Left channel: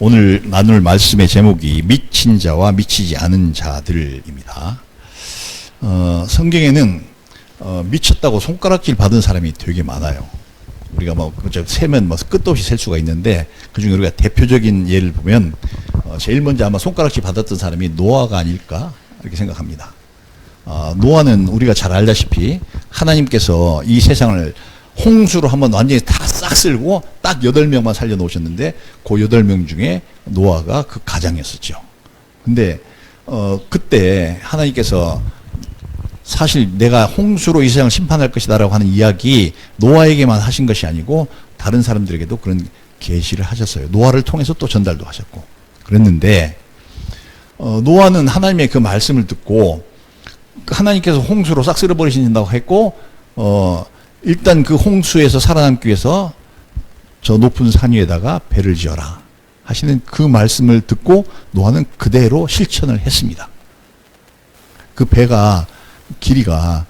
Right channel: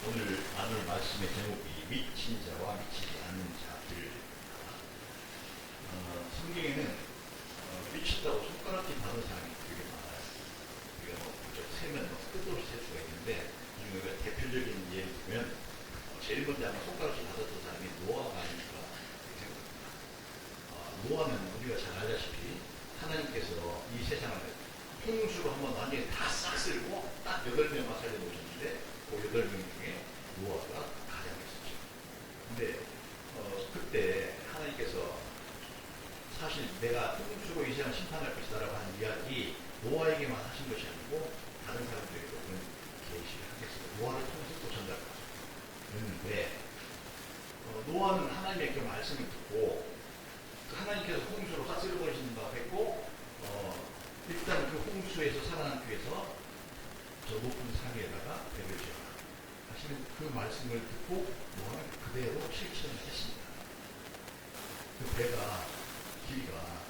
오늘 나눌 말씀의 제목이 미친 자와 미치지 않은 자들입니다. 성경에는 미쳤다고 손가락질 받은 사람이 되게 많아요. 우리가 뭐 세면 뭐 끝도 없이 셀 수가 있는데 그중에 우리가 대표적인 예를 보면 제일 먼저 아마 손가락질 받았던 사람이 노아가 아닐까 이렇게 생각합니다. 노아는 우리가 잘 알다시피 하나님께서 이 세상을 홍수로 한번 완전히 다 싹 쓸고 딱 8명만 살려놓으셨는데 그 8명 중에 노아가 그 가장이었었죠. 근데 그때 하나님께서 사실 내가 홍수로 이 세상을 심판할 것이다라고 하는 이야기 노아에게만 하신 것이 아니고 다른 사람들에게도 그런 계시를 하셨어요. 노아를 통해서 또 전달도 하셨고 그랬는데 노아는 하나님의 그 말씀을 듣고 하나님께서 홍수로 싹 쓸어버리신다고 했고 일단 그 홍수에서 살아남기 위해서 저 높은 산 위에다가 배를 지어라 하시는 그 말씀을 듣고 노아는 그대로 실천을 했습니다. 그 배가 길이가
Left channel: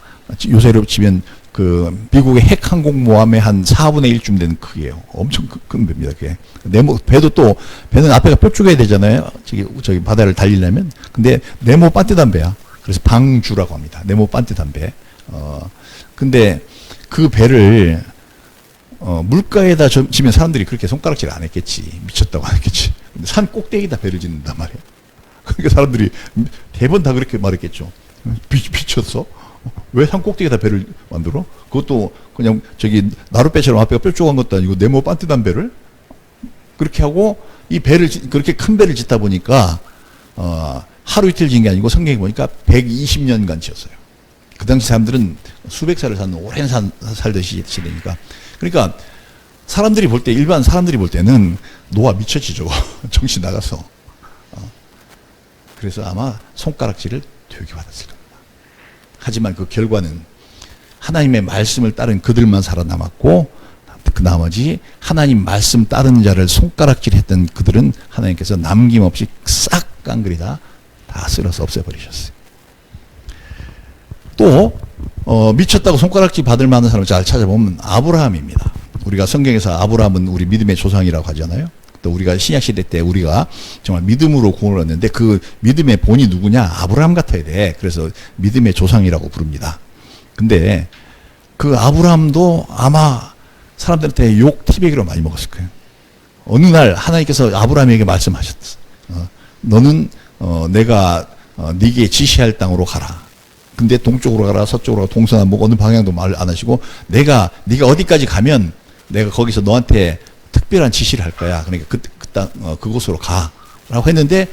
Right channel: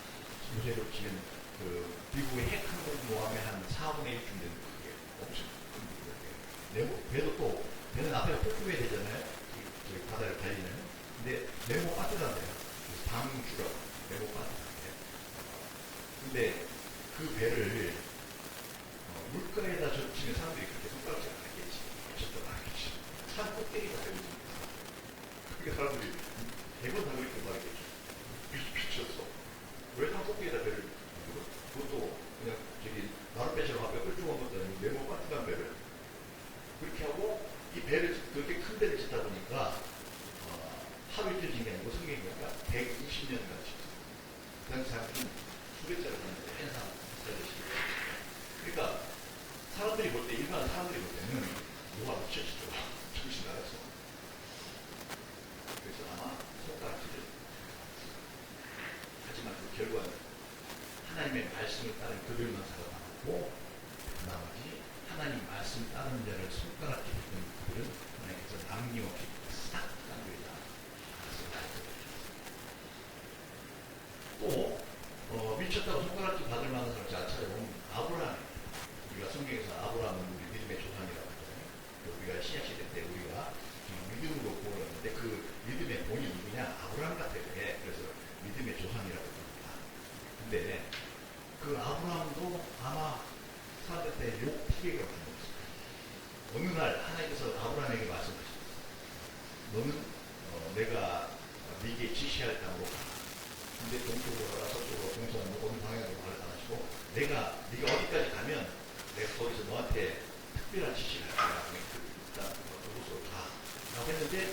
요새로 치면 그 미국의 핵항공모함의 한 4분의 1쯤 되는 크기예요. 엄청 큰 배입니다. 그게. 배도 또 배는 앞에가 뾰족해야 되잖아요. 저기 바다를 달리려면. 근데 네모 반듯한 배야. 그래서 방주라고 합니다. 네모 반듯한 배. 근데 그 배를 물가에다 지면 사람들이 그렇게 손가락질 안 했겠지. 미쳤다고 안 했겠지. 근데 산 꼭대기에다 배를 짓는단 말이에요. 그러니까 사람들이 대부분 다 그렇게 말했겠죠. 미쳤어? 왜 산 꼭대기에다 배를 만들어? 그것도 그냥 저기 나룻배처럼 앞에가 뾰족한 것도 아니고 네모 반듯한 배를 그렇게 하고 이 배를 그렇게 큰 배를 짓다 보니까 하루 이틀 지은 게 아니고 성경에 보니까 120년간 지었어요. 그 당시 사람들은 수백 살을 사는 오랜 살듯이 지내니까. 그러니까 사람들이 볼 때, 일반 사람들이 볼 때는 노아 미쳤지 저거. 정신 나갔어. 그래서 아마 손가락질을 되게 받았을 거예요. 하지만 그 결과는 하나님의 말씀을 따른 그들만 살아남았고 그 나머지 하나님 말씀 따르는 자를 손가락질 했던 그들은 하나님께서 남김없이 싹 깡그리 다 쓸어서 없애버리셨어요. 또 미쳤다고 손가락질 받을 만한 사람을 잘 찾아보면 아브라함입니다. 우리가 성경에서 아브라함은 우리 믿음의 조상이라고 하잖아요. 또 우리가 신약시대 때 우리가 정말 믿음으로 구원을 얻는데 그 믿음의 본이 누구냐? 아브라함 같아야 돼. 그래서 믿음의 조상이라고 부릅니다. 근데 그 아브라함도 아마 사람들한테 욕 티베기로 많이 먹었을 거예요. 어느 날 하나님께서 아브라함에게 말씀하셨어. 너는 내가 네게 지시할 땅으로 가라. 근데 동쪽으로 가라, 서쪽으로 가라, 동서남북 어느 방향도 말 안 하시고 네가 어디까지 가면 내가 거기서 너한테 특별한 지시를 할 거야. 그러니까 그곳으로 가라고 했는데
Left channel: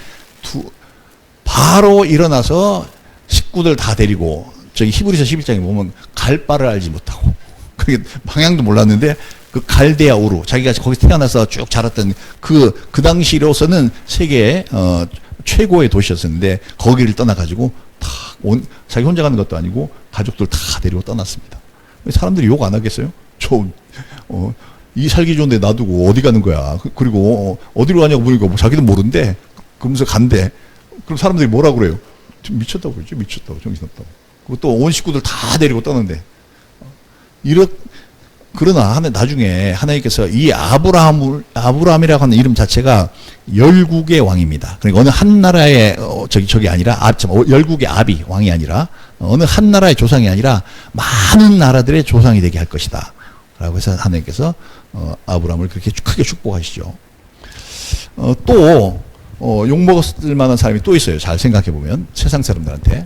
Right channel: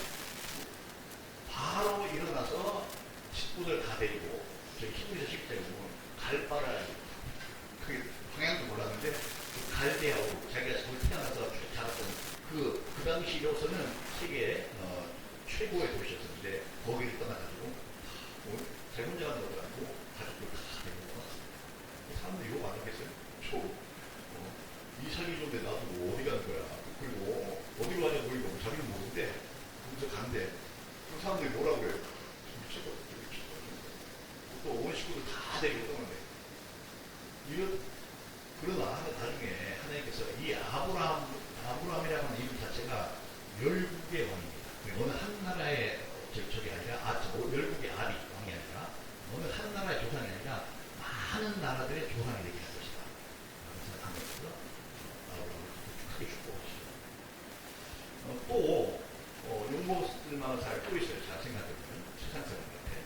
바로 일어나서 식구들 다 데리고 저기 히브리서 11장에 보면 갈 바를 알지 못하고 그게 방향도 몰랐는데 그 갈대아 우루 자기가 거기서 태어나서 쭉 자랐던 그 당시로서는 세계의 최고의 도시였었는데 거기를 떠나가지고 자기 혼자 가는 것도 아니고 가족들 다 데리고 떠났습니다. 사람들이 욕 안 하겠어요? 이 살기 좋은데 놔두고 어디 가는 거야? 그리고 어디로 가냐고 물으니까 뭐 자기도 모른대. 그러면서 간대. 그럼 사람들이 뭐라 그래요? 미쳤다고 그러죠. 미쳤다고. 정신없다고. 또 온 식구들 다 데리고 떠는데. 그러나 나중에 하나님께서 이 아브라함이라고 하는 이름 자체가 열국의 왕입니다. 그러니까 어느 한 나라의 저기 아니라 열국의 아비 왕이 아니라 어느 한 나라의 조상이 아니라 많은 나라들의 조상이 되게 할 것이다. 라고 해서 하나님께서 아브라함을 그렇게 크게 축복하시죠. 또 욕먹었을 만한 사람이 또 있어요. 잘 생각해 보면 세상 사람들한테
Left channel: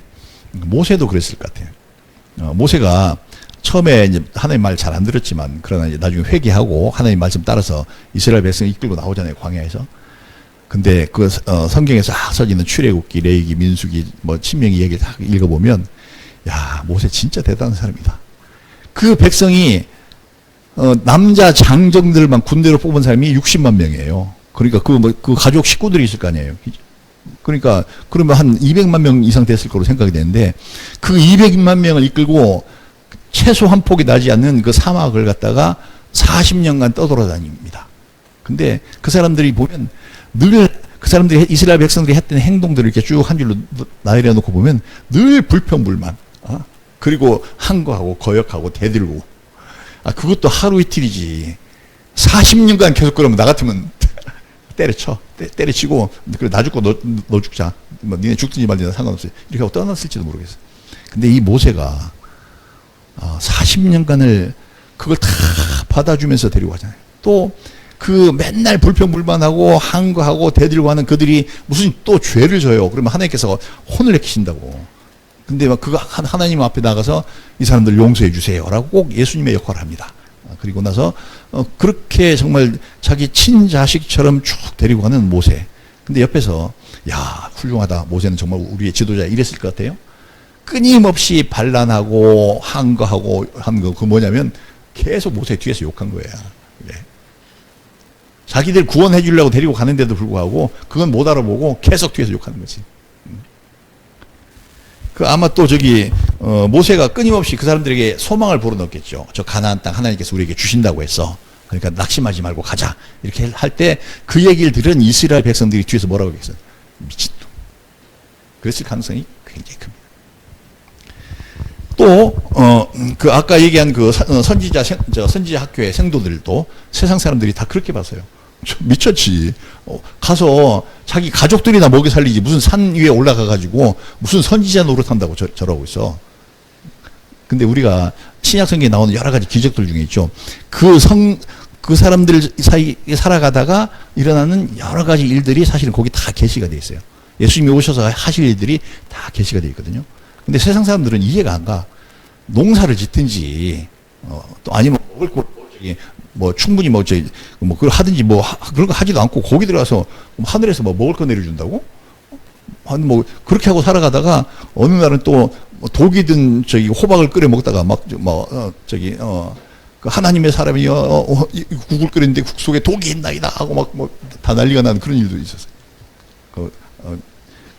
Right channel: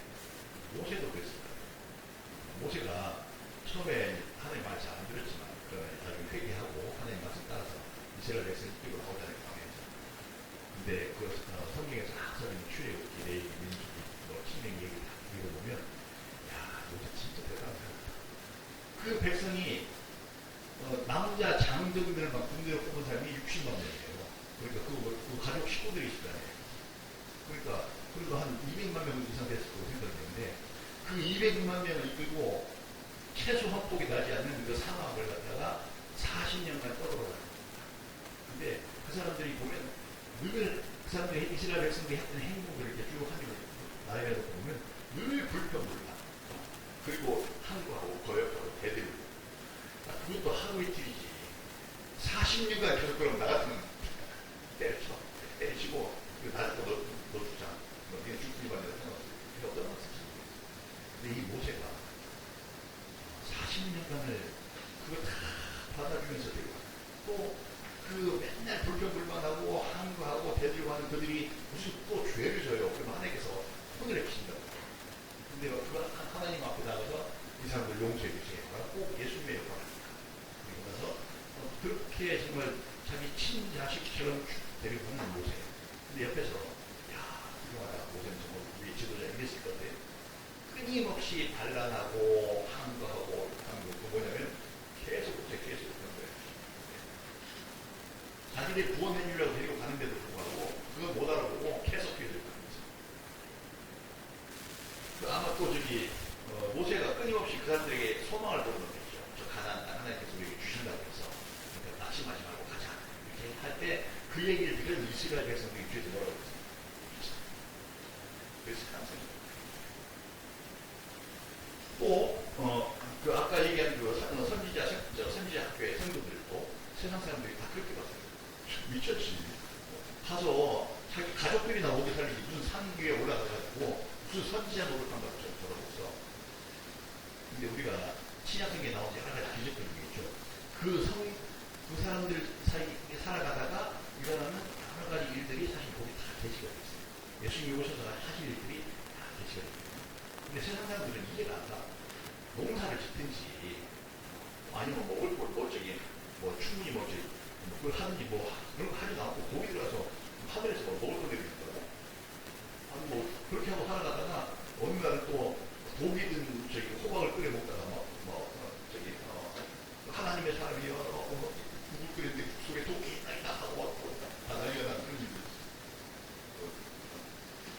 모세도 그랬을 것 같아요. 모세가 처음에 이제 하나님 말 잘 안 들었지만 그러나 이제 나중에 회개하고 하나님 말씀 따라서 이스라엘 백성 이끌고 나오잖아요. 광야에서. 근데 그 성경에 싹 써지는 출애굽기, 레위기, 민수기, 뭐 신명기 얘기 다 읽어보면 야 모세 진짜 대단한 사람이다. 그 백성이 남자 장정들만 군대로 뽑은 사람이 60만 명이에요. 그러니까 그 가족 식구들이 있을 거 아니에요. 그러니까 그러면 한 200만 명 이상 됐을 거로 생각이 되는데 그 200만 명을 이끌고 최소 한 폭이 나지 않는 그 사막을 갖다가 40년간 떠돌아다닙니다. 근데 그 사람들이 보면 늘 그 사람들이 이스라엘 백성들이 했던 행동들을 이렇게 쭉 한 줄로 나열해 놓고 보면 늘 불평불만. 그리고 항거하고 거역하고 대들고. 그것도 하루 이틀이지. 40년간 계속 그러면 나 같으면 때려쳐. 때려치고 그래 나 죽고 너 죽자. 뭐 니네 죽든지 말든지 상관없어요. 이렇게 하고 떠났을지도 모르겠어요. 근데 이 모세가 40년간을 그걸 다 받아주면서 데리고 가잖아요. 또 그 맨날 불평불만하고 항거하고 대들고 하는 그들이 무슨 또 죄를 져요. 그러면 하나님께서 혼을 내키신다고. 근데 막 그거 하나님 앞에 나가서 이 사람들 용서해 주세요라고 꼭 예수님의 역할을 합니다. 그리고 나서 그렇게 정말 자기 친자식처럼 쭉 데리고 가는 모세. 근데 옆에서 야 훌륭하다. 모세는 정말 우리의 지도자 이랬을 것 같아요. 끊임없이 반란하고 항거하고 한 거 그 뭐냐면 계속 모세 뒤에서 욕한 거예요. 네. 자기들 구원해 주려고 데리고 가는데도 불구하고 그건 못 알아보고 계속 뒤에서 욕하는 거지. 그 아마 또 저기 모세가 끊임없이 그 사람들에게 소망을 불어넣었겠죠. 저 가나안 땅 하나님께서 우리에게 주신다고 했어. 그러니까 낙심하지 말고 가자. 이렇게 할 때 그 얘기를 들은 이스라엘 백성들이 뒤에서 뭐라고 했어요? 미친놈. 그랬을 가능성이 굉장히 큽니다. 또 그 아까 얘기한 그 선지자 학교의 생도들도 세상 사람들이 다 그렇게 봤어요. 미쳤지. 가서 자기 가족들이나 먹여 살리지 무슨 산 위에 올라가 가지고 무슨 선지자 노릇한다고 저러고 있어. 근데 우리가 신약 성경에 나오는 여러 가지 기적들 중에 있죠. 그 사람들 사이에 살아가다가 일어나는 여러 가지 일들이 사실은 거기 다 게시가 돼 있어요. 예수님이 오셔서 하실 일들이 다 게시가 돼 있거든요. 근데 세상 사람들은 이해가 안 가. 농사를 짓든지 또 아니면 먹을 거 뭐 충분히 뭐 그걸 하든지 뭐 그런 거 하지도 않고 거기 들어가서 하늘에서 뭐 먹을 거 내려준다고? 아니 뭐 그렇게 하고 살아가다가 어느 날은 또 독이든 저기 호박을 끓여 먹다가 그 하나님의 사람이 국을 끓였는데 국 속에 독이 있나이다 하고 막 뭐 다 난리가 나는 그런 일도 있었어요.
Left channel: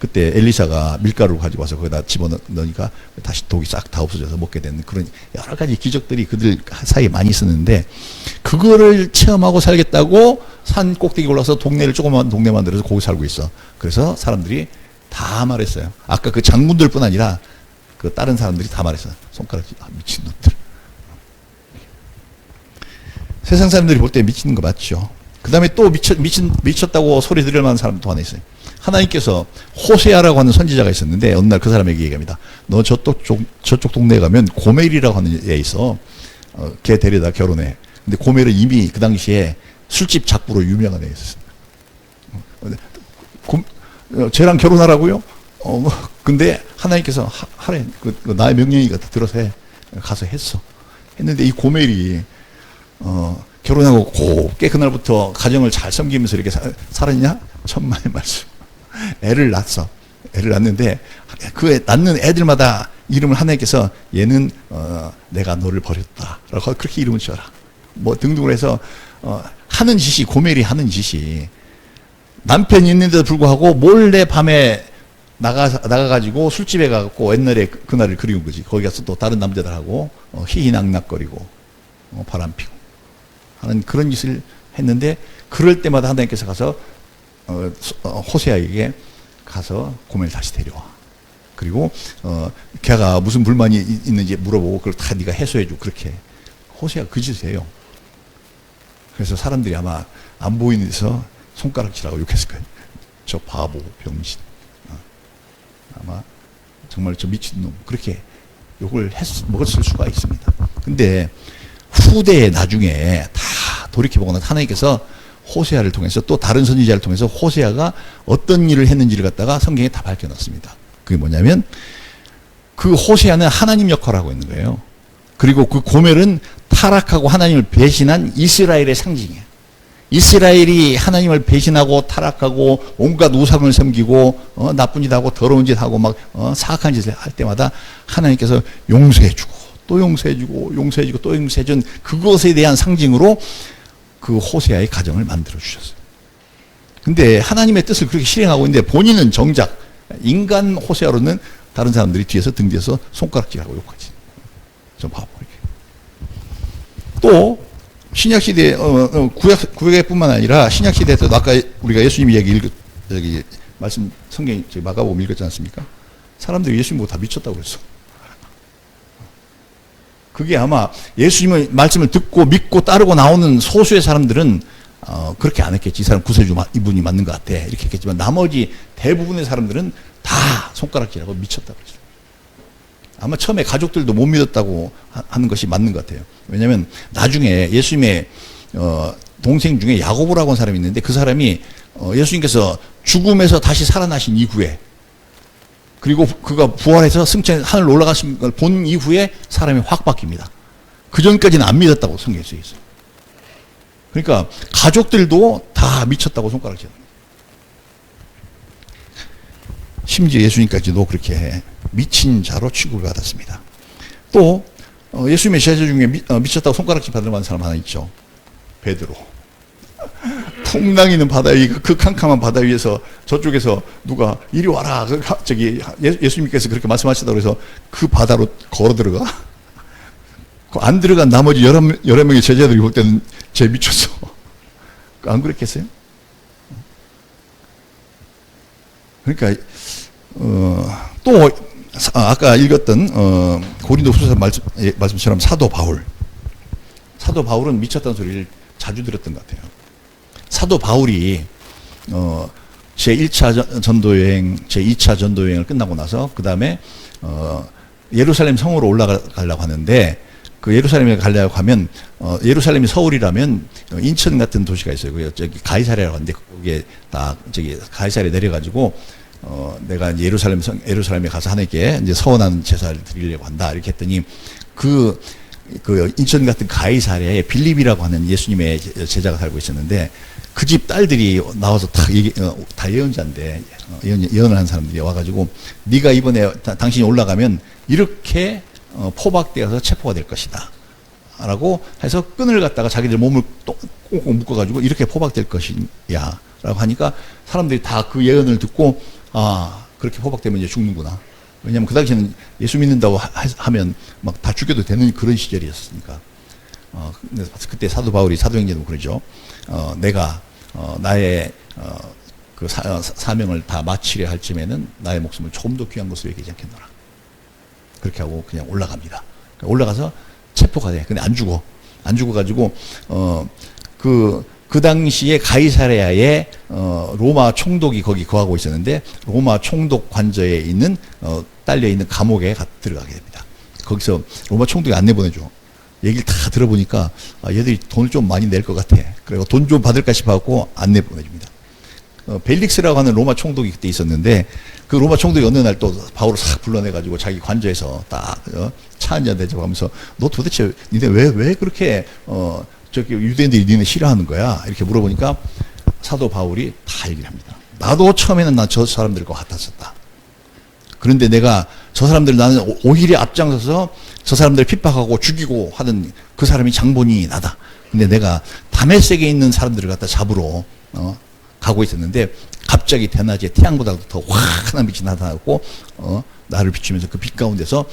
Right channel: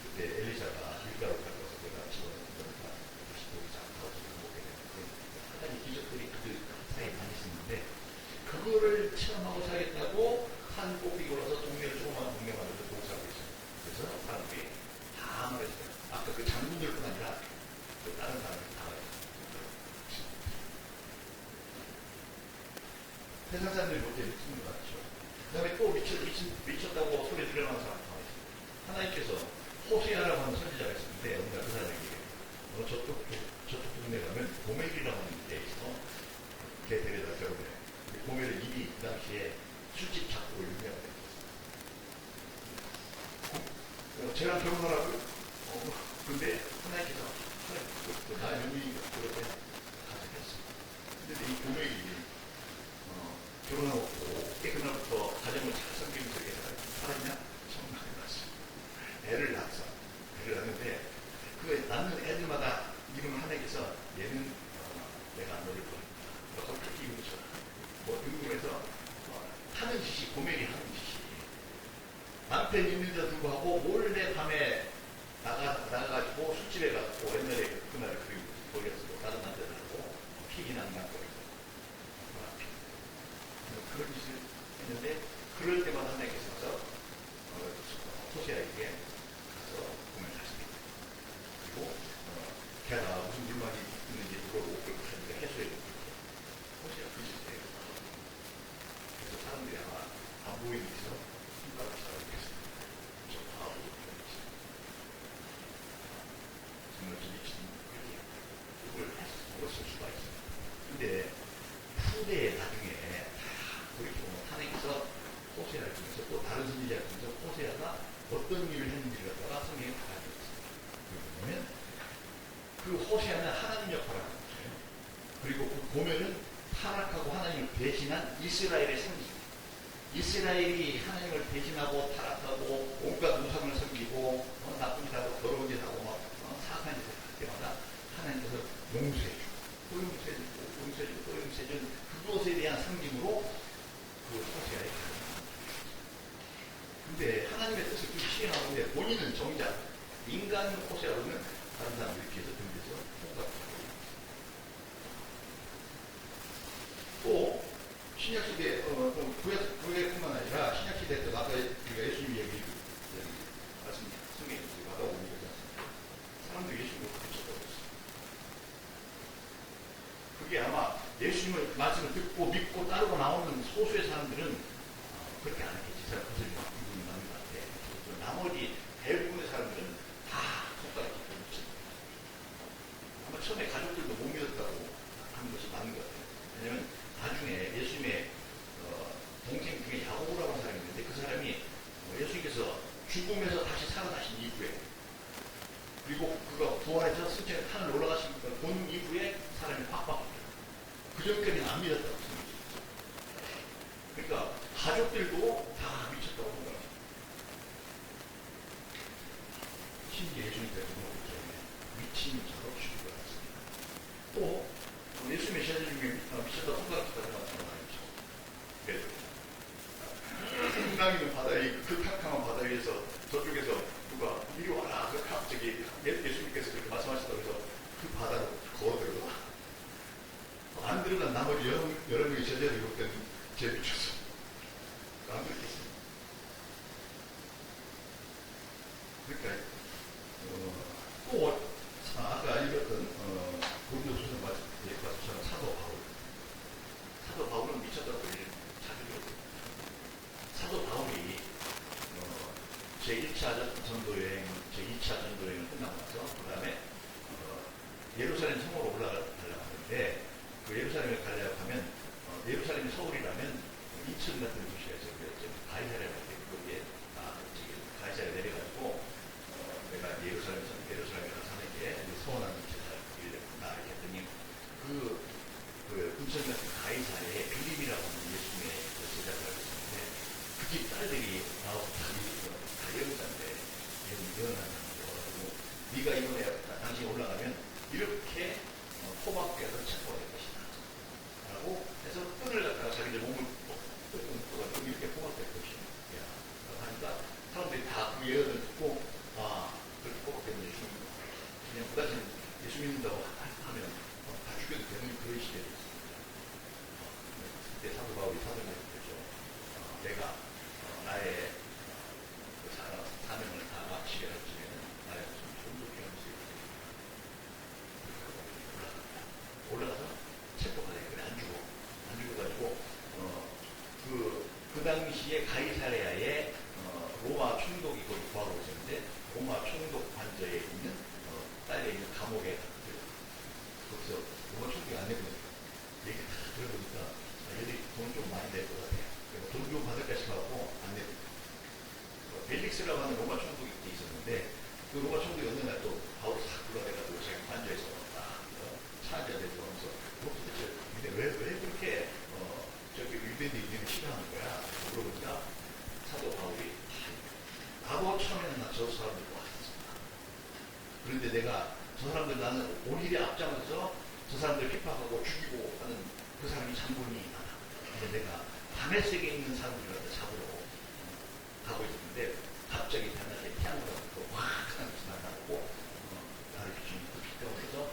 그때 엘리사가 밀가루를 가지고 와서 거기다 집어넣으니까 다시 독이 싹 다 없어져서 먹게 되는 그런 여러 가지 기적들이 그들 사이에 많이 있었는데 그거를 체험하고 살겠다고 산 꼭대기 올라서 동네를 조그만 동네 만들어서 거기 살고 있어. 그래서 사람들이 다 말했어요. 아까 그 장군들뿐 아니라 그 다른 사람들이 다 말했어요. 손가락 미친놈들. 세상 사람들이 볼 때 미치는 거 맞죠. 그 다음에 또 미쳤다고 소리 들을 만한 사람도 하나 있어요. 하나님께서 호세아라고 하는 선지자가 있었는데 어느 날 그 사람에게 얘기합니다. 너 저쪽 동네에 가면 고멜이라고 하는 애 있어. 걔 데려다 결혼해. 근데 고멜은 이미 그 당시에 술집 작부로 유명한 애 있었어요. 쟤랑 결혼하라고요? 근데 하나님께서 하래. 나의 명령이가 들어서 해. 가서 했어. 했는데 이 고멜이 결혼하고 곱게 그날부터 가정을 잘 섬기면서 이렇게 살았냐? 천만의 말씀. 애를 낳았어. 애를 낳는데 그 낳는 애들마다 이름을 하나님께서 얘는 내가 너를 버렸다 라고 그렇게 이름을 지어라 뭐 등등을 해서 하는 짓이 고멜이 하는 짓이 남편이 있는데도 불구하고 몰래 밤에 나가가지고 술집에 가고 옛날에 그날을 그리운 거지. 거기 가서 또 다른 남자들하고 희희낙낙거리고 바람 피고 하는 그런 짓을 했는데 그럴 때마다 하나님께서 가서 호세아에게 가서 고멜을 다시 데려와. 그리고 걔가 무슨 불만이 있는지 물어보고 그걸 다 네가 해소해줘. 그렇게 호세아가 그 짓을 해요. 그래서 사람들이 아마 안 보이는 데서 손가락질하고 욕했을 거예요. 저 바보 병신. 아마 정말 저 미친놈. 그렇게 욕을 먹었을 수가 있습니다. 근데 후대에 나중에 다 돌이켜보거나 하나님께서 호세아를 통해서 또 다른 선지자를 통해서 호세아가 어떤 일을 했는지를 갖다가 성경에 다 밝혀놨습니다. 그게 뭐냐면 그 호세아는 하나님 역할을 하고 있는 거예요. 그리고 그 고멜은 타락하고 하나님을 배신한 이스라엘의 상징이에요. 이스라엘이 하나님을 배신하고 타락하고 온갖 우상을 섬기고 나쁜 짓 하고 더러운 짓 하고 막 사악한 짓을 할 때마다 하나님께서 용서해주고 또 용서해주고 용서해주고 또 용서해준 그것에 대한 상징으로 그 호세아의 가정을 만들어 주셨어요. 근데 하나님의 뜻을 그렇게 실행하고 있는데 본인은 정작 인간 호세아로는 다른 사람들이 뒤에서 등 뒤에서 손가락질하고 욕하지. 좀 봐봐. 또 신약시대 구약뿐만 아니라 신약시대 때도 아까 우리가 예수님 이야기 여기 말씀 성경 마가복음 읽었지 않습니까? 사람들이 예수님 보고 다 미쳤다고 했어. 그게 아마 예수님의 말씀을 듣고 믿고 따르고 나오는 소수의 사람들은 그렇게 안 했겠지. 이 사람 구세주 이분이 맞는 것 같아. 이렇게 했겠지만 나머지 대부분의 사람들은 다 손가락질하고 미쳤다고 했어요. 아마 처음에 가족들도 못 믿었다고 하는 것이 맞는 것 같아요. 왜냐하면 나중에 예수님의 동생 중에 야고보라고 하는 사람이 있는데 그 사람이 예수님께서 죽음에서 다시 살아나신 이후에 그리고 그가 부활해서 승천 하늘로 올라가신 걸 본 이후에 사람이 확 바뀝니다. 그 전까지는 안 믿었다고 성경에 써 있어요. 그러니까 가족들도 다 미쳤다고 손가락질. 심지어 예수님까지도 그렇게 미친 자로 취급을 받았습니다. 또 예수님의 제자 중에 미쳤다고 손가락질 받을 만한 사람 하나 있죠. 베드로. 풍랑이는 바다 위, 그 캄캄한 바다 위에서 저쪽에서 누가 이리 와라. 저기 예수님께서 그렇게 말씀하시다고 해서 그 바다로 걸어 들어가. 안 들어간 나머지 11명의 제자들이 볼 때는 쟤 미쳤어. 안 그랬겠어요? 그러니까 또 아까 읽었던 고린도후서 말씀처럼 사도 바울은 미쳤다는 소리를 자주 들었던 것 같아요. 사도 바울이 제1차 전도여행, 제2차 전도여행을 끝나고 나서 그 다음에 예루살렘 성으로 올라가려고 하는데 그 예루살렘에 가려고 하면 예루살렘이 서울이라면 인천 같은 도시가 있어요. 저기 가이사랴라고 하는데 거기에 딱 저기 가이사랴에 내려가지고 내가 이제 예루살렘에 가서 하나님께 이제 서원하는 제사를 드리려고 한다 이렇게 했더니 그 인천 같은 가이사랴에 빌립이라고 하는 예수님의 제자가 살고 있었는데 그 집 딸들이 나와서 다 예언자인데 예언을 한 사람들이 와가지고 네가 이번에 당신이 올라가면 이렇게 포박되어서 체포가 될 것이다 라고 해서 끈을 갖다가 자기들 몸을 꽁꽁 묶어가지고 이렇게 포박될 것이야 라고 하니까 사람들이 다 그 예언을 듣고 그렇게 포박되면 이제 죽는구나. 왜냐하면 그 당시에는 예수 믿는다고 하면 막 다 죽여도 되는 그런 시절이었으니까. 그때 사도 바울이 사도행전도 그러죠. 내가 나의 그 사명을 다 마치려 할 쯤에는 나의 목숨을 조금 더 귀한 것으로 여기지 않겠노라. 그렇게 하고 그냥 올라갑니다. 올라가서 체포가 돼. 근데 안 죽어. 안 죽어가지고 그 당시에 가이사랴에 로마 총독이 거기 거하고 있었는데 로마 총독 관저에 있는 딸려 있는 감옥에 들어가게 됩니다. 거기서 로마 총독이 안내 보내줘. 얘기를 다 들어보니까 얘들이 돈을 좀 많이 낼 것 같아. 그리고 돈 좀 받을까 싶어갖고 안내 보내줍니다. 벨릭스라고 하는 로마 총독이 그때 있었는데 그 로마 총독이 어느 날 또 바울을 싹 불러내가지고 자기 관저에서 딱 차 한잔 대접하면서 너 도대체 니네 왜 그렇게 저기 유대인들이 니네 싫어하는 거야? 이렇게 물어보니까 사도 바울이 다 얘기를 합니다. 나도 처음에는 난 저 사람들과 같았었다. 그런데 내가 저 사람들 나는 오히려 앞장서서 저 사람들 핍박하고 죽이고 하던 그 사람이 장본인이 나다. 근데 내가 다메섹에 있는 사람들을 갖다 잡으러 가고 있었는데 갑자기 대낮에 태양보다도 더 환한 빛이 나타났고 나를 비추면서 그 빛 가운데서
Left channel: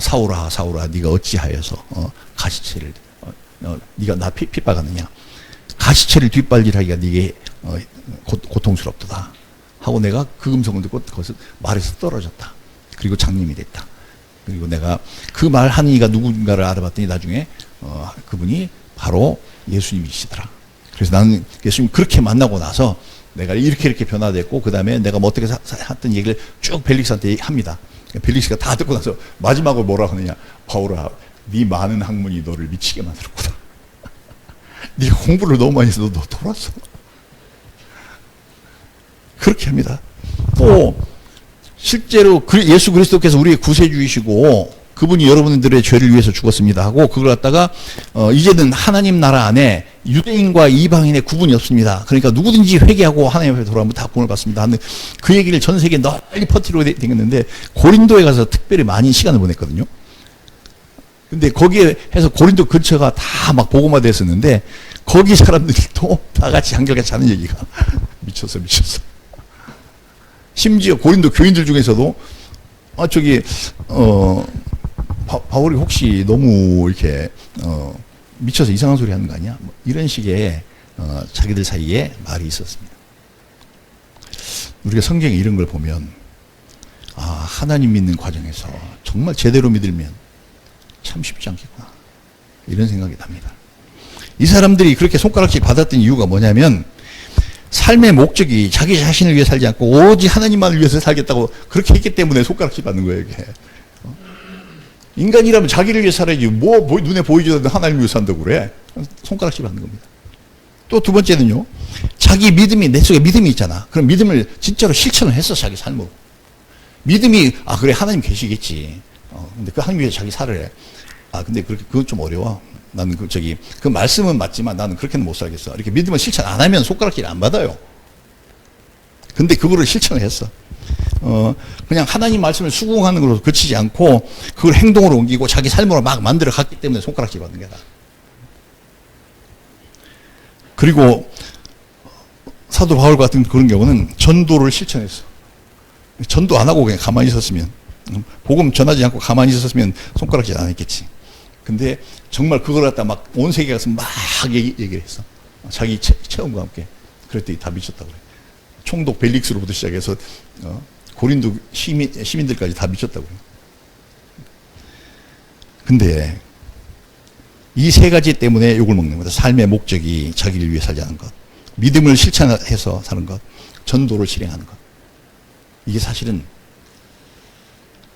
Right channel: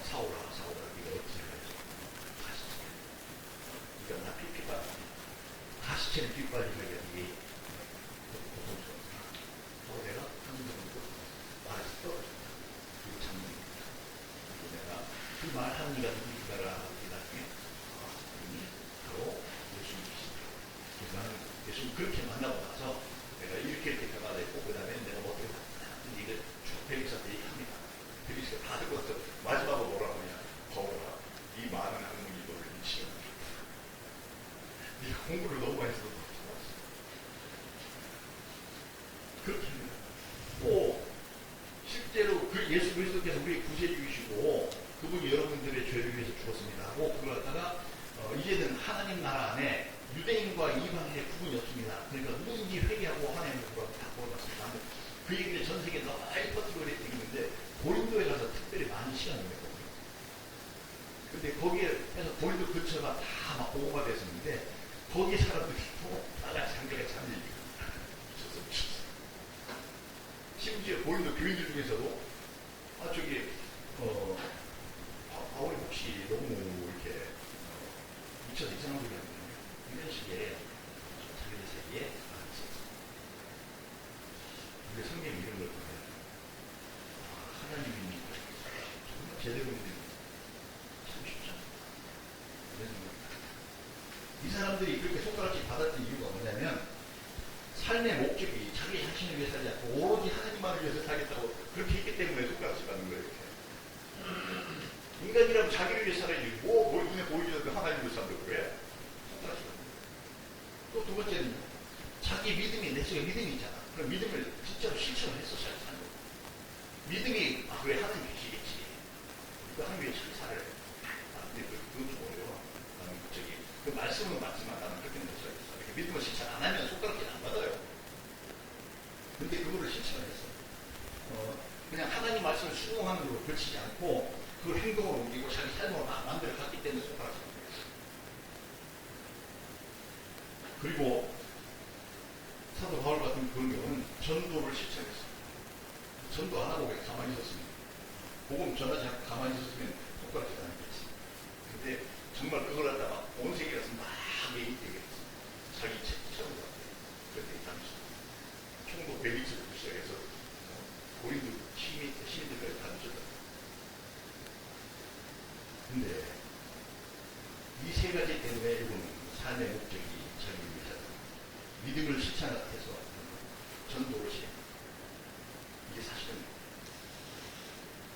사울아 네가 어찌하여서 가시체를 네가 나 핍박하느냐. 가시체를 뒷발질하기가 네게 고통스럽도다 하고 내가 그 음성을 듣고 거기서 말에서 떨어졌다. 그리고 장님이 됐다. 그리고 내가 그 말하는 이가 누군가를 알아봤더니 나중에 그분이 바로 예수님이시더라. 그래서 나는 예수님 그렇게 만나고 나서 내가 이렇게 변화됐고 그 다음에 내가 뭐 어떻게 했던 얘기를 쭉 벨릭스한테 합니다. 벨릭스가 다 듣고 나서 마지막으로 뭐라 하느냐. 바울아 네 많은 학문이 너를 미치게 만들었구나. 네가 공부를 너무 많이 해서 너 돌았어. 그렇게 합니다. 또 실제로 예수 그리스도께서 우리의 구세주이시고 그분이 여러분들의 죄를 위해서 죽었습니다 하고 그걸 갖다가 이제는 하나님 나라 안에 유대인과 이방인의 구분이 없습니다. 그러니까 누구든지 회개하고 하나님 앞에 돌아오면 다 구원을 받습니다 하는 그 얘기를 전 세계에 널리 퍼뜨리고 다녔는데 고린도에 가서 특별히 많이 시간을 보냈거든요. 근데 거기에 해서 고린도 근처가 다 막 복음화 됐었는데 거기 사람들도 다 같이 한결같이 하는 얘기가 미쳤어. 심지어 고린도 교인들 중에서도 바울이 혹시 너무 이렇게 미쳐서 이상한 소리 하는 거 아니야? 이런 식의 자기들 사이에 말이 있었습니다. 우리가 성경에 이런 걸 보면 하나님 믿는 과정에서 정말 제대로 믿으면 참 쉽지 않겠구나 이런 생각이 납니다. 이 사람들이 그렇게 손가락질 받았던 이유가 뭐냐면 삶의 목적이 자기 자신을 위해 살지 않고 오직 하나님만을 위해서 살겠다고 그렇게 했기 때문에 손가락질 받는 거예요. 이게. 인간이라면 자기를 위해 살아야지 뭐 눈에 보이지도 않는 하나님을 위해 산다고 그래. 손가락질 받는 겁니다. 또 두 번째는요. 자기 믿음이 내 속에 믿음이 있잖아. 그럼 믿음을 진짜로 실천을 했어. 자기 삶으로. 믿음이 그래 하나님 계시겠지. 근데 그 하나님 위해 자기 살을 해. 근데 그건 좀 어려워. 나는 그 말씀은 맞지만 나는 그렇게는 못 살겠어. 이렇게 믿음을 실천 안 하면 손가락질 안 받아요. 근데 그거를 실천을 했어. 그냥 하나님 말씀을 수긍하는 걸로 그치지 않고 그걸 행동으로 옮기고 자기 삶으로 막 만들어 갔기 때문에 손가락질 받는 거야. 그리고 사도 바울 같은 그런 경우는 전도를 실천했어. 전도 안 하고 그냥 가만히 있었으면, 복음 전하지 않고 가만히 있었으면 손가락질 안 했겠지. 근데 정말 그걸 갖다 막 온 세계 가서 막 얘기를 했어. 자기 체험과 함께. 그랬더니 다 미쳤다고. 총독 벨릭스로부터 시작해서 고린도 시민들까지 다 미쳤다고. 근데 이 세 가지 때문에 욕을 먹는 거다. 삶의 목적이 자기를 위해 살지 않는 것, 믿음을 실천해서 사는 것, 전도를 실행하는 것. 이게 사실은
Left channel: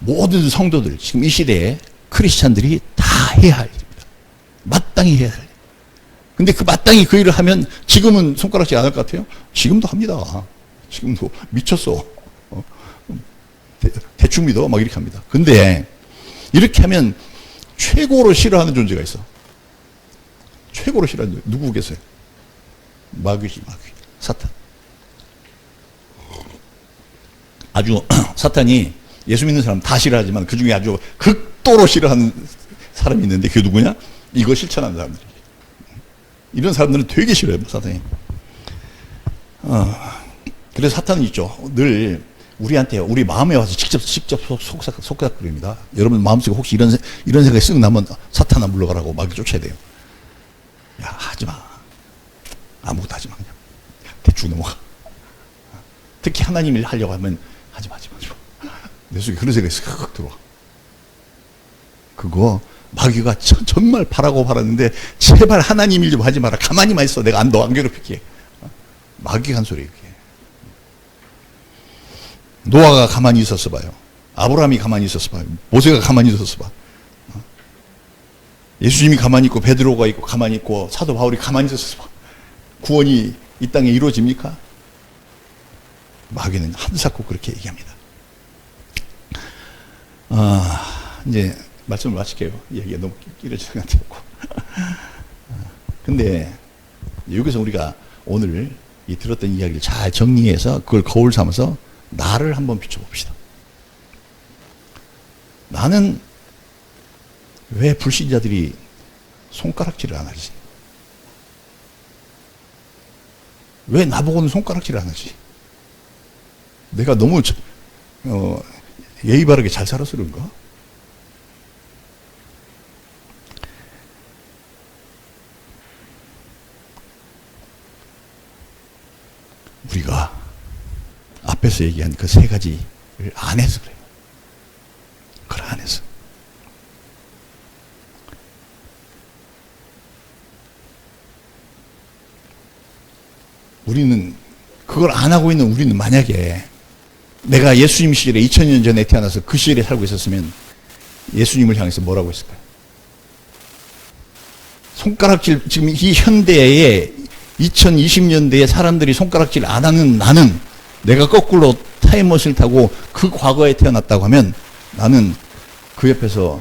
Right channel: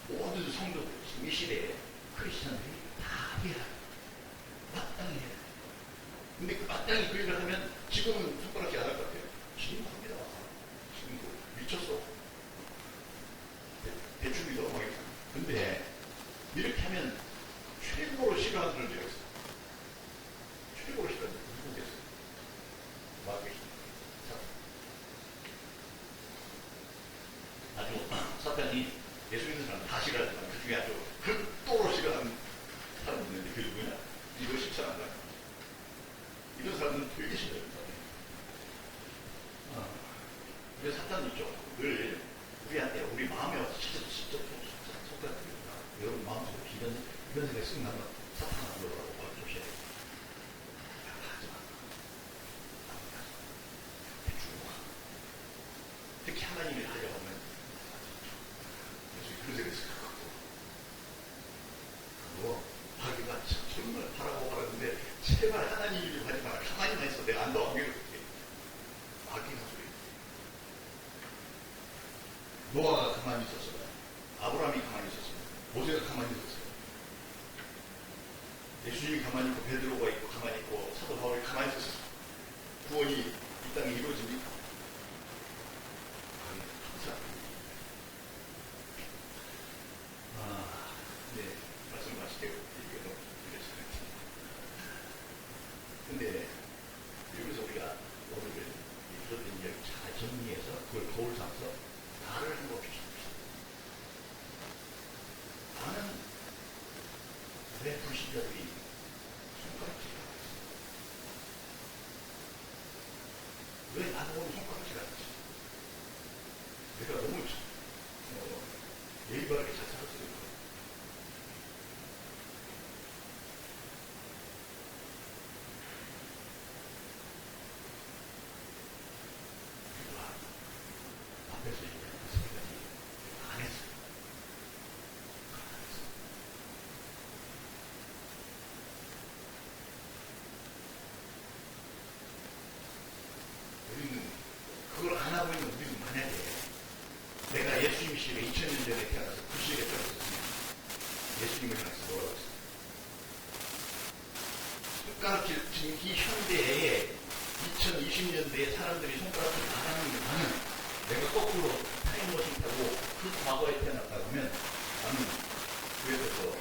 모든 성도들, 지금 이 시대에 크리스찬들이 다 해야 할 일입니다. 마땅히 해야 해. 근데 그 마땅히 그 일을 하면 지금은 손가락질 안 할 것 같아요? 지금도 합니다. 지금도 미쳤어. 대충 믿어. 막 이렇게 합니다. 근데 이렇게 하면 최고로 싫어하는 존재가 있어. 최고로 싫어하는 존재. 누구겠어요? 마귀지, 마귀. 사탄. 아주 사탄이 예수 믿는 사람 다 싫어하지만 그 중에 아주 극도로 싫어하는 사람이 있는데 그게 누구냐? 이거 실천하는 사람들. 이런 사람들은 되게 싫어요, 사탄이. 그래서 사탄은 있죠. 늘 우리한테, 우리 마음에 와서 직접 속삭거립니다. 여러분 마음속에 혹시 이런 생각이 쓱 나면 사탄아 물러가라고 막 쫓아야 돼요. 야, 하지 마. 아무것도 하지 마. 대충 넘어가. 특히 하나님 일 하려고 하면 하지 마. 내 속에 그런 생각이 쓱 들어와. 그거 마귀가 정말 바라고 바랐는데 제발 하나님 일 좀 하지 마라. 가만히만 있어. 내가 너 안 괴롭힐게. 마귀가 한 소리 이렇게. 노아가 가만히 있었어 봐요. 아브라함이 가만히 있었어 봐요. 모세가 가만히 있었어 봐. 예수님이 가만히 있고 베드로가 있고 가만히 있고 사도 바울이 가만히 있었어 봐. 구원이 이 땅에 이루어집니까? 마귀는 한사코 그렇게 얘기합니다. 이제 말씀을 마칠게요. 얘기가 너무 길어지는 것 같아요. 근데 여기서 우리가 오늘 이 들었던 이야기를 잘 정리해서 그걸 거울 삼아서 나를 한번 비춰봅시다. 나는 왜 불신자들이 손가락질을 안 하지? 왜 나보고는 손가락질을 안 하지? 내가 너무 예의 바르게 잘 살아서 그런가? 우리가 앞에서 얘기한 그 세 가지를 안 해서 그래요. 그걸 안 해서. 우리는 그걸 안 하고 있는 우리는 만약에 내가 예수님 시절에 2000년 전에 태어나서 그 시절에 살고 있었으면 예수님을 향해서 뭐라고 했을까요? 손가락질, 지금 이 현대에 2020년대에 사람들이 손가락질 안 하는 나는 내가 거꾸로 타임머신을 타고 그 과거에 태어났다고 하면 나는 그 옆에서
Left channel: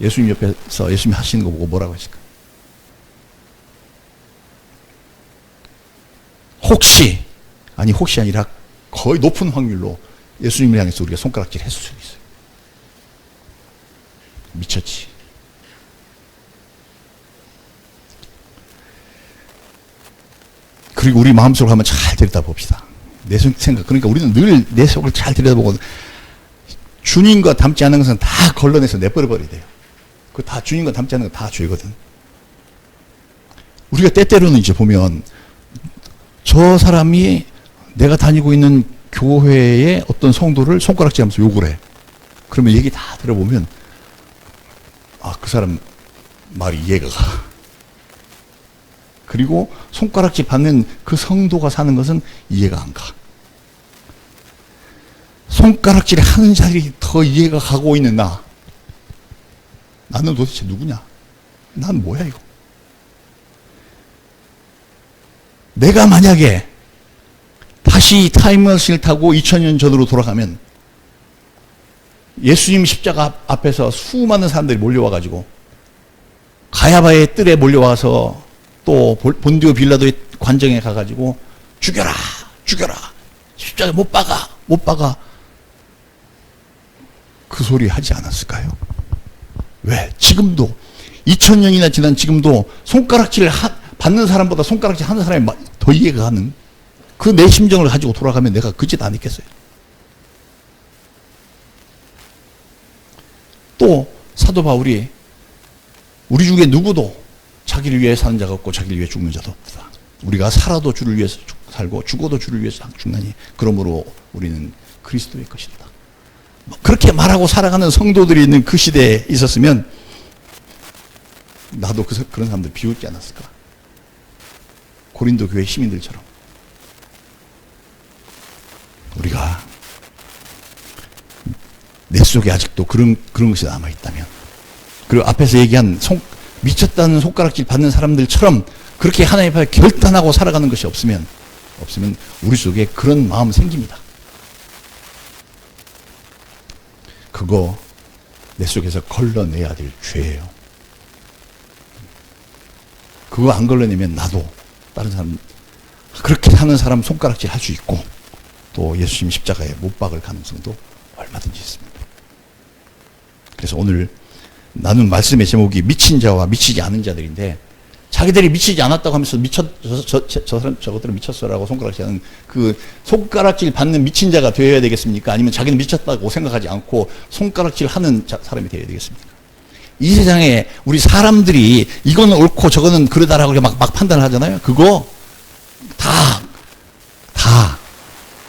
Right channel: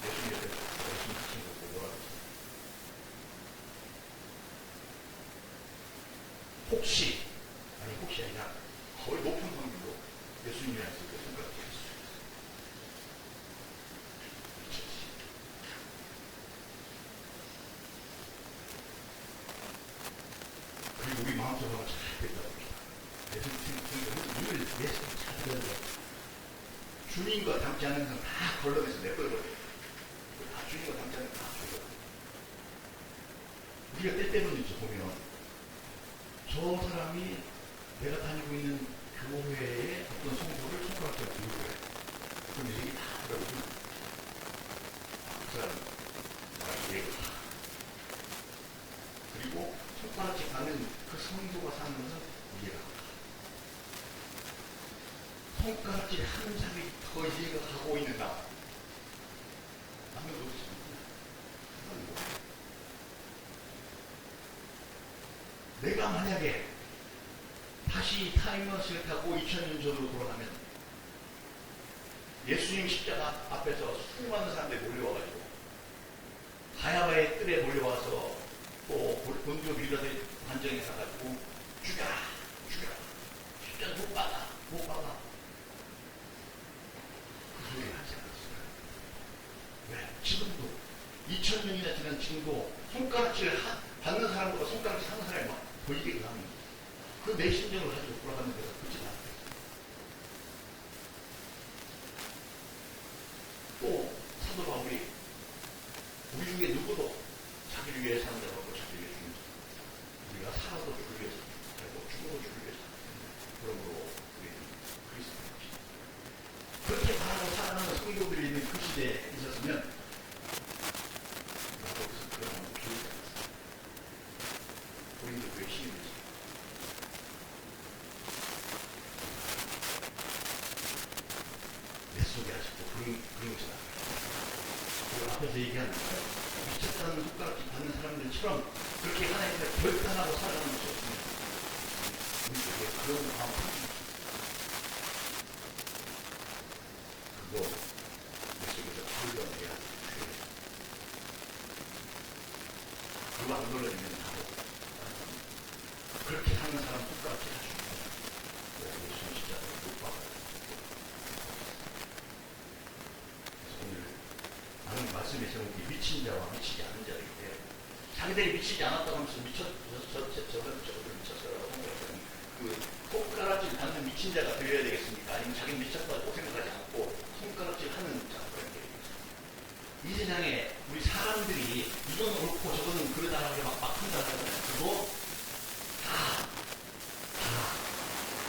예수님 옆에서 예수님 하시는 거 보고 뭐라고 했을까? 혹시 아니라 거의 높은 확률로 예수님을 향해서 우리가 손가락질 했을 수 있어요. 미쳤지. 그리고 우리 마음속으로 한번 잘 들여다봅시다. 내 생각, 그러니까 우리는 늘 내 속을 잘 들여다보고 주님과 닮지 않은 것은 다 걸러내서 내버려버려야 돼요. 그 다 주님과 닮지 않은 거 다 죄거든. 우리가 때때로는 이제 보면 저 사람이 내가 다니고 있는 교회의 어떤 성도를 손가락질 하면서 욕을 해. 그러면 얘기 다 들어보면 그 사람 말이 이해가 가. 그리고 손가락질 받는 그 성도가 사는 것은 이해가 안 가. 손가락질 하는 자들이 더 이해가 가고 있는 나. 나는 도대체 누구냐? 난 뭐야 이거? 내가 만약에 다시 타임머신을 타고 2000년 전으로 돌아가면 예수님 십자가 앞에서 수많은 사람들이 몰려와가지고 가야바의 뜰에 몰려와서 또 본디오 빌라도의 관정에 가가지고 죽여라 죽여라 십자가 못 박아 못 박아 그 소리 하지 않았을까요? 왜? 지금도 2000년이나 지난 지금도 손가락질 받는 사람보다 손가락질 하는 사람이 더 이해가 가는 그 내 심정을 가지고 돌아가면 내가 그 짓 안 했겠어요. 또 사도 바울이 우리 중에 누구도 자기를 위해 사는 자가 없고 자기를 위해 죽는 자도 없다. 우리가 살아도 주를 위해서 살고 죽어도 주를 위해서 죽나니 그러므로 우리는 그리스도의 것이다. 그렇게 말하고 살아가는 성도들이 있는 그 시대에 있었으면 나도 그런 사람들 비웃지 않았을까. 고린도 교회 시민들처럼 우리가 내 속에 아직도 그런 것이 남아있다면, 그리고 앞에서 얘기한 미쳤다는 손가락질 받는 사람들처럼 그렇게 하나님 앞에 결단하고 살아가는 것이 없으면 우리 속에 그런 마음 생깁니다. 그거 내 속에서 걸러내야 될 죄예요. 그거 안 걸러내면 나도 다른 사람 그렇게 사는 사람 손가락질 할 수 있고 또 예수님 십자가에 못 박을 가능성도 얼마든지 있습니다. 그래서 오늘 나눈 말씀의 제목이 미친 자와 미치지 않은 자들인데, 자기들이 미치지 않았다고 하면서 저것들은 미쳤어라고 손가락질하는 그 손가락질 받는 미친 자가 되어야 되겠습니까? 아니면 자기는 미쳤다고 생각하지 않고 손가락질 하는 사람이 되어야 되겠습니까? 이 세상에 우리 사람들이 이거는 옳고 저거는 그러다라고 막 판단을 하잖아요. 그거 다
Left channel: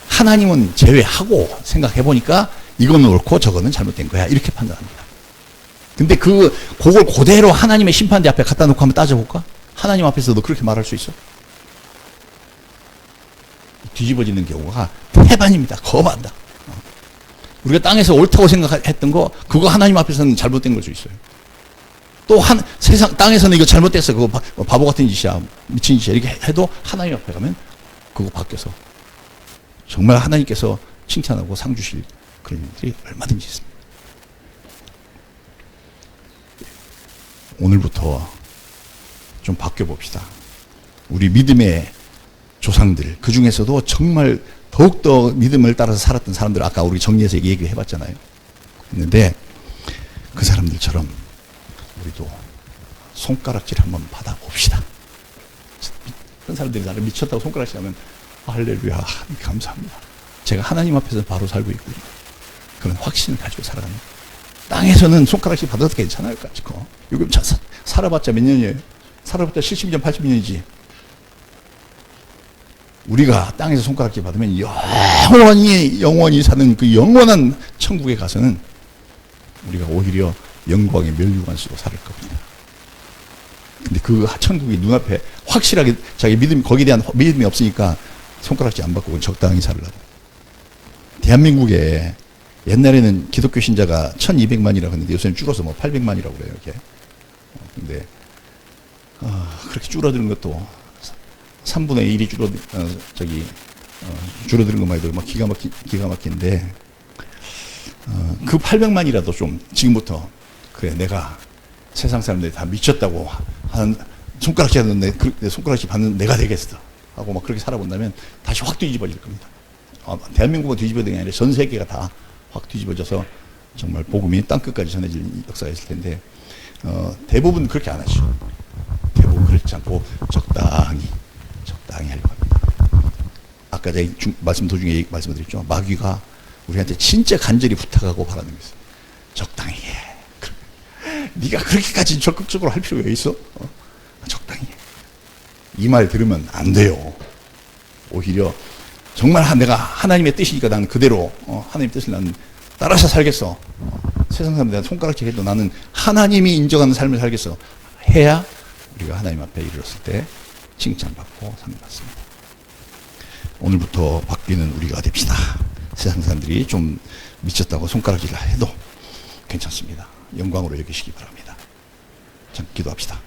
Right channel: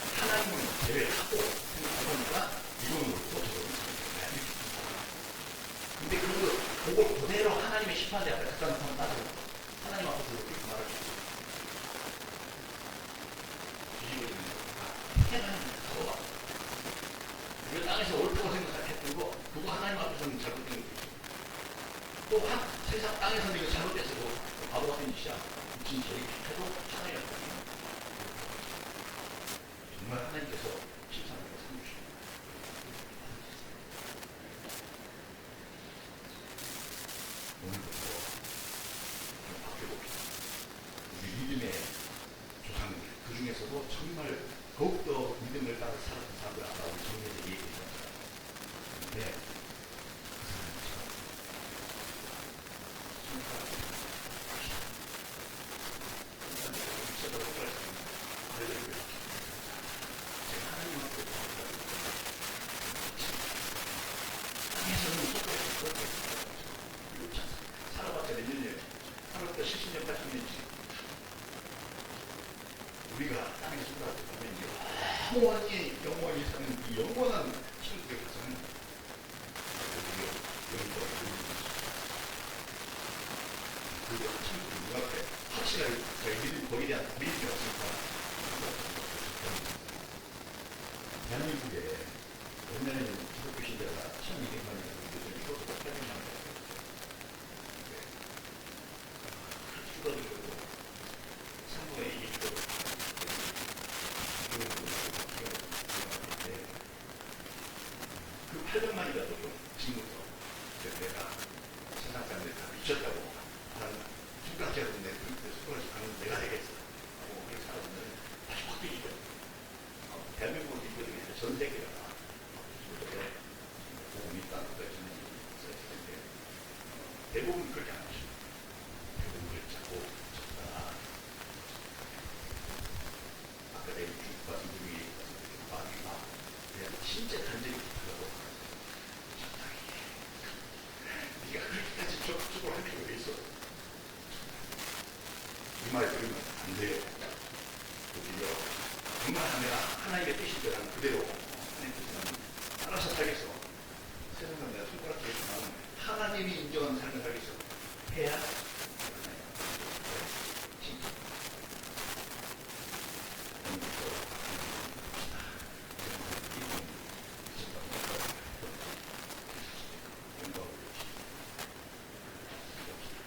하나님은 제외하고 생각해 보니까 이거는 옳고 저거는 잘못된 거야 이렇게 판단합니다. 근데 그걸 그대로 하나님의 심판대 앞에 갖다 놓고 한번 따져볼까? 하나님 앞에서도 그렇게 말할 수 있어? 뒤집어지는 경우가 태반입니다. 거반다. 우리가 땅에서 옳다고 생각했던 거 그거 하나님 앞에서는 잘못된 걸 수 있어요. 또 세상 땅에서는 이거 잘못됐어 그거 바보 같은 짓이야 미친 짓이야 이렇게 해도 하나님 앞에 가면 그거 바뀌어서 정말 하나님께서 칭찬하고 상 주실 그런 일들이 얼마든지 있습니다. 오늘부터 좀 바뀌어봅시다. 우리 믿음의 조상들, 그 중에서도 정말 더욱더 믿음을 따라서 살았던 사람들, 아까 우리 정리해서 얘기해 봤잖아요. 근데 그 사람들처럼 우리도 손가락질 한번 받아봅시다. 어떤 사람들이 나를 미쳤다고 손가락질 하면 할렐루야 감사합니다. 제가 하나님 앞에서 바로 살고 있고요. 그런 확신을 가지고 살아갑니다. 땅에서는 손가락질 받아도 괜찮아요. 요즘 살아봤자 몇 년이에요? 살아봤자 70년, 80년이지. 우리가 땅에서 손가락질 받으면 영원히 사는 그 영원한 천국에 가서는 우리가 오히려 영광의 멸류관 속에 살을 겁니다. 근데 그 천국이 눈앞에 확실하게 자기 거기에 대한 믿음이 없으니까 손가락질 안 받고 적당히 살려고. 대한민국에 옛날에는 기독교 신자가 1200만이라고 했는데 요새는 줄어서 800만이라고 그래요. 이렇게. 근데 그렇게 줄어드는 것도 3분의 1이 줄어드는 것만 해도 막 기가 막힌데 그 800만이라도 좀 지금부터 그래 내가 세상 사람들이 다 미쳤다고 하는 손가락질 하는 내 손가락질 받는 내가 되겠어 하고 막 그렇게 살아본다면 다시 확 뒤집어질 겁니다. 대한민국은 뒤집어야 되는 게 아니라 전 세계가 다 확 뒤집어져서 정말 복음이 땅끝까지 전해질 역사가 있을 텐데 대부분 그렇게 안 하죠. 대부분 그렇지 않고 적당히 할 겁니다. 아까 제가 말씀 도중에 말씀드렸죠. 마귀가 우리한테 진짜 간절히 부탁하고 바라는 것이 적당히 해. 네가 그렇게까지 적극적으로 할 필요가 있어? 적당히 해. 이 말 들으면 안 돼요. 오히려 정말 내가 하나님의 뜻이니까 나는 그대로 하나님의 뜻을 나는 따라서 살겠어. 세상 사람들한테 손가락질 해도 나는 하나님이 인정하는 삶을 살겠어. 해야 우리가 하나님 앞에 이르렀을 때 칭찬받고 상 받습니다. 오늘부터 바뀌는 우리가 됩시다. 세상 사람들이 좀 미쳤다고 손가락질을 해도 괜찮습니다. 영광으로 여기시기 바랍니다. 자, 기도합시다.